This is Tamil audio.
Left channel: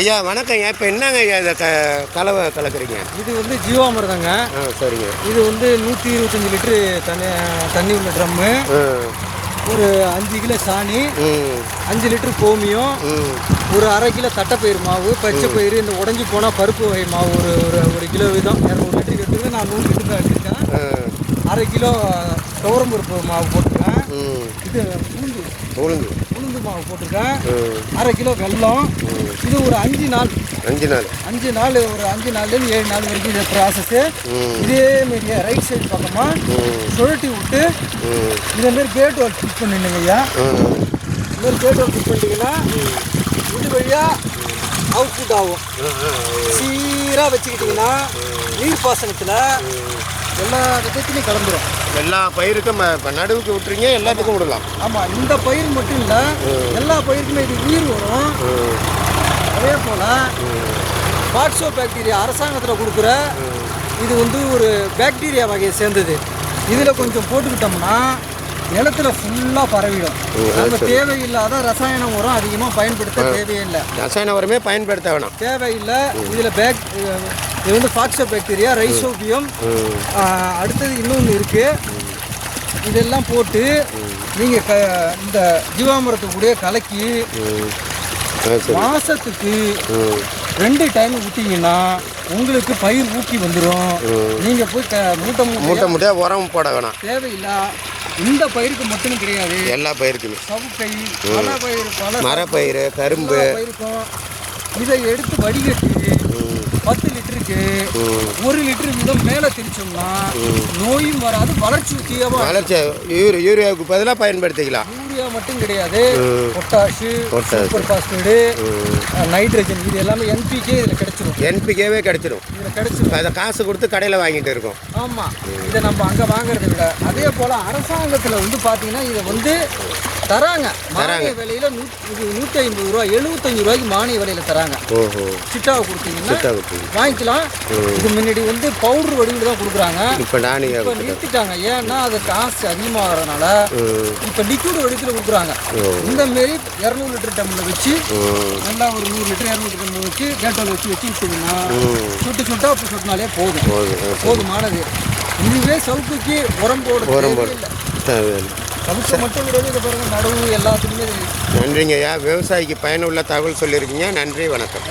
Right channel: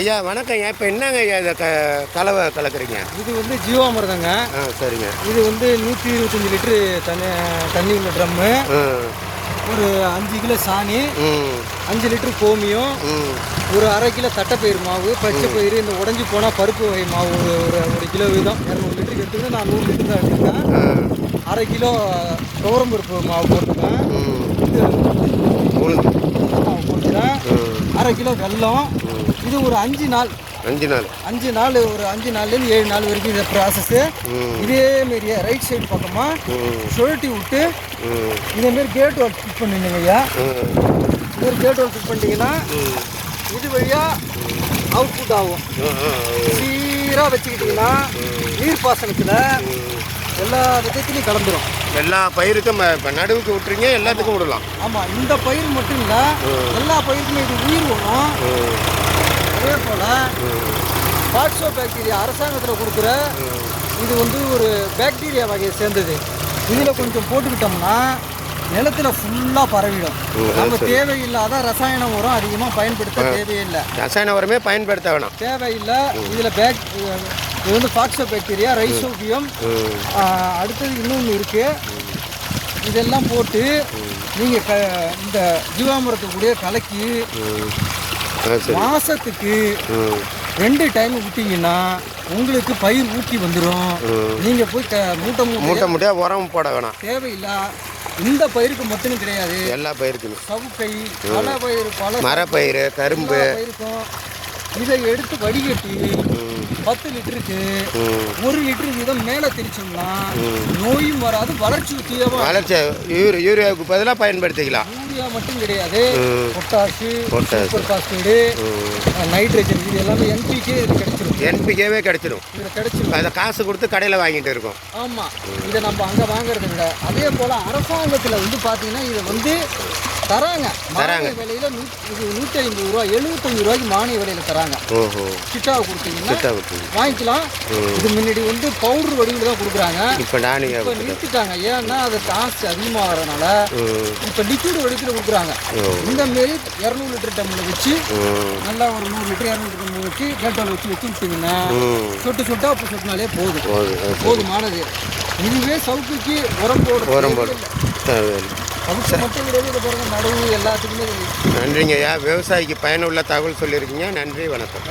ஐயா வணக்கங்க இப்போ என்னங்க ஐயா இந்த க கலவை கலக்குறீங்க? இது வந்து ஜீவாமிர்தங்க. ஆ சரிங்க. இது வந்து நூற்றி இருபத்தஞ்சி லிட்ரு தண்ணி தண்ணி உள்ள ட்ரம்மு ஒரு அஞ்சு கிலோ சாணி அஞ்சு லிட்ரு கோமியம் ஒரு அரை கிலோ தட்டைப்பயிறு மாவு பச்சை பயிறு இந்த உடஞ்சி போனால் பருப்பு வகை மாவு ஒரு ஒரு ஒரு கிலோ வீதம் இரநூறு லிட்டர் எடுத்துட்டு நான் நூறு லிட்டர் எடுத்துட்டேன் அரை கிலோ துவரம் பருப்பு மாவு போட்டுருக்கேன் மாவு போட்டுருக்கேன் அரை கிலோ வெல்லம் இது ஒரு அஞ்சு நாள். அஞ்சு நாள். அஞ்சு நாள் ஒரு அஞ்சு நாள்லேருந்து ஏழு நாள் வரைக்கும் இந்த ப்ராசஸ்ஸு இதே மாரியே ரைட் சைடு பக்கமாக சுழட்டி விட்டு மாதிரி கேட் வால் ஃபிட் பண்ணிடுங்க ஐயா கேட் வால் ஃபிட் பண்ணிட்டீங்கன்னா இது வழியாக அவுட்புட் ஆகும். சீராக வச்சுக்கிட்டிங்கன்னா நீர்ப்பாசனத்தில் எல்லா விதத்துலையும் கலந்துரும் எல்லா பயிருக்கும் இப்போ நடுவுக்கு விட்டுறீங்க எல்லாத்துக்கும் விடலாம். ஆமாம் இந்த பயிர் மட்டும் இல்லை எல்லா பயிருக்குமே இது உயிர் வரும். பிளாக்ஸோ பாக்டீரியா அரசாங்கத்தில் கொடுக்குற இது வந்து ஒரு பாக்டீரியா வகையை சேர்ந்தது. இதில் கொஞ்சம் போட்டுக்கிட்டோம்னா நிலத்துல ஃபுல்லாக பரவிடும். நம்ம தேவையில்லாத ரசாயன உரம் அதிகமாக பயன்படுத்த தேவையில்லை. ரசாயன உரமே பயன்படுத்த வேணாம். தேவையில்லை. இதில் பேக் இது வந்து ஃபாக்ஸோ பாக்டீரியா ரைசோபியம் அடுத்தது இன்னொன்று இருக்குது இதெல்லாம் போட்டு நீங்கள் க இந்த கூட கலக்கி மாசத்துக்கு ரெண்டு டைம் விட்டீங்கன்னா உங்களுக்கு பயிர் ஊக்கி வந்துடும். நீங்க போய் மூட்டை மூட்டை மூட்டை மூட்டையாக உரம் போட வேணாம். தேவையில்லை இந்த பயிருக்கு மட்டும் கிடையாது. எல்லா பயிருக்குமே. சவுக்கை பல பயிர் பல மரப்பயிறு கரும்பு. இதை எடுத்து வடிகட்டி பத்து லிட்டருக்கு ஒரு லிட்டர் வீதம் மேலே திரிச்சோம்னா நோயும் வராது வளர்ச்சி தீவிரமாக வளர்ச்சி யூரி யூரியாவுக்கு பதிலாக பயன்படுத்திக்கலாம். யூரியா மட்டும் கிடையாது. பொட்டாஷு. சூப்பர் பாஸ்பேடு நைட்ரஜன் இது எல்லாமே என்பிகே இதில் கிடைச்சிரும். என்பிகேவே கிடைச்சிடும் இது கிடைச்சிரும். அதை காசு கொடுத்து கடையில் வாங்கிட்டு இருக்கோம். ஆமாம் இதை நம்ம அங்கே வாங்குறது இல்லை. அதே போல் அரசாங்கத்தில் வந்து பார்த்தீங்கன்னா இதை வந்து தராங்க. மானிய விலையில நூ இது நூற்றி ஐம்பது ரூபா எழுபத்தஞ்சு ரூபாய்க்கு மானிய விலையில் தராங்க. சிட்டாவை கொடுத்தீங்கன்னா வாங்கிக்கலாம். இது முன்னாடி வந்து பவுடர் வடிவில் தான் கொடுக்குறாங்க. இப்போ நிறுத்திட்டாங்க ஏன்னா அது காசு அதிகமாகறதுனால ம். இப்போ லிக்விட் வடிவில் கொடுக்குறாங்க. இந்த மாரி இரநூறு லிட்டர் டம்மில் வச்சு நல்லா ஒரு நூறு லிட்டர் இரநூறு டம்மில் வச்சு கேட்டோட வச்சு வச்சுக்கிட்டிங்கன்னா ம். சொட்டு சொட்டா அப்படி சொட்டினாலே போதும். போதும். போதுமானது. இதுவே சவுக்குக்கு உரம் போடுறது உரம் போடு. இல்லை. அது சவுக்கு மட்டும் கிடையாது இதை நடவு எல்லாத்துக்குமே நன்றிங்க ஐயா விவசாயிக்கு பயனுள்ள தகவல் சொல்லியிருக்கீங்க. நன்றி வணக்கம்.